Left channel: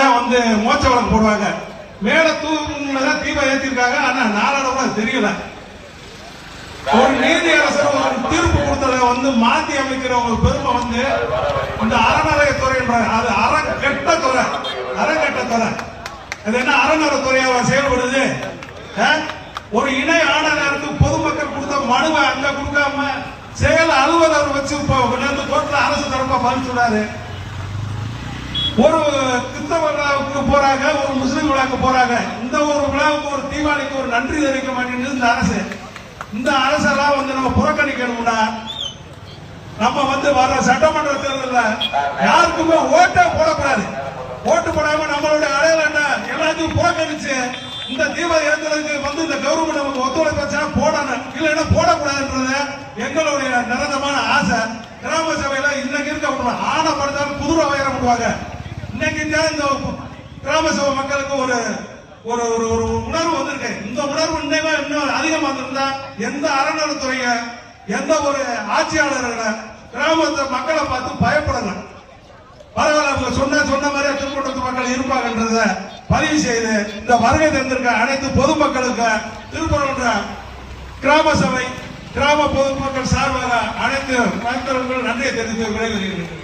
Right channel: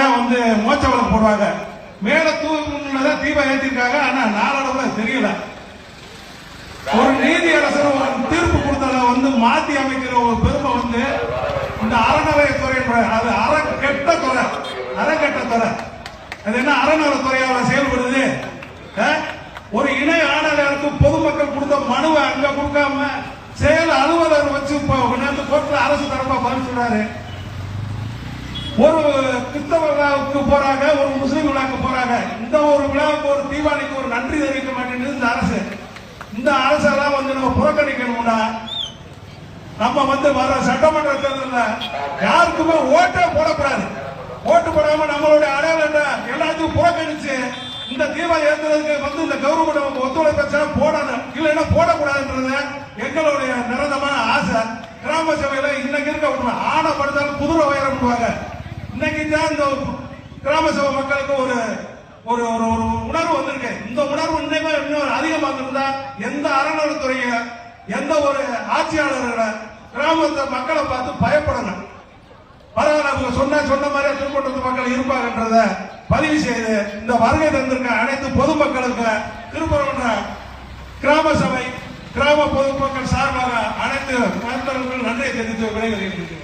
தான் வந்து மோச்ச விளக்கு போடுவாங்க. மேல தூண்ல தான் தீபம் ஏத்திருக்காங்க. ஆனா நாளடைவுல தெரியல. ஒரு நீதி அரசர் ஒரு தீர்ப்பு கொடுத்ததை வந்து மாத்தி அமைக்கிற ஒரு பெருமை வந்து இந்த அறநிலையத்துறை அது அறக்கெட்ட துறை. அறக்கெட்ட துறை. அது என்ன அறநிலையத்துறையாவா செயல்படுது? ஒரு இணை ஆணையருக்கு பொதுமக்கள் கொடுத்த மனுவை அங்க கொடுக்காம செயல் அலுவலர் வச்சு இப்போ கோர்ட்ல அரசு தரப்பா பதில் சொன்னாரு. ஒரு கிறிஸ்தவ விழாவுக்கு போறாங்க ஒரு முஸ்லிம் விழாவுக்கு போறாங்க. இந்த ஒரு விழாவுக்கு ஒரு தீபாவளிக்கு ஒரு நன்றி தெரிவிக்க மாட்டேங்குது இந்த அரசு. இந்த அரசெல்லாம் வந்து நம்ம புறக்கணிக்கணும்னா நம்ம வந்து வர சட்டமன்ற தேர்தலில் யாருக்குமே ஓட்டே போடக்கூடாது. ஓட்டு போடாம நம்மளுடைய அடையாளம் என்ன? எல்லாத்தையும் புறக்கணிச்சு இந்த தீபாவளி ஏற்றுறதுக்கு வந்து இந்த கவர்மெண்ட் நமக்கு ஒத்துழைப்பு போடணும். இல்லைன்னா போடக்கூடாதுன்றது எங்களுடைய நிரந்தரமான ஆசை. கிராம சபையில இன்னைக்கு இருக்க விட்டுருவாங்க ஆனை படுத்தாலும் குதிரை உயர விடுவாங்க இன்னைக்கு தான் இந்த கிராம சபை மக்களுக்கு ஒரு ஒரு ஒரு ஒரு உணர்வு வந்திருக்கு. இந்த உணர்வு இன்னுமே இன்னும் அதிகமா இருந்தா எந்த அறநிலைத்துறைய எந்த ஒரு ஆட்சியாளர்களை கிராமத்து மக்களை பார்த்து பயப்படணும் பரவாயில்ல அவங்க சொன்ன சொன்ன மாதிரியா திருப்பட்டத்து மக்கள் இருப்பாங்கன்றத பதிவு செய்து இந்த வருகை தந்திருக்க அனைத்து பொதுமக்களுக்கு திருப்பரங்குன்ற கிராம சபை கிராம பொதுமக்கள் சார்பாக அனைத்து மருத்துவர்கள் நன்றியை தெரிவித்து விடைபெறுகிறேன்.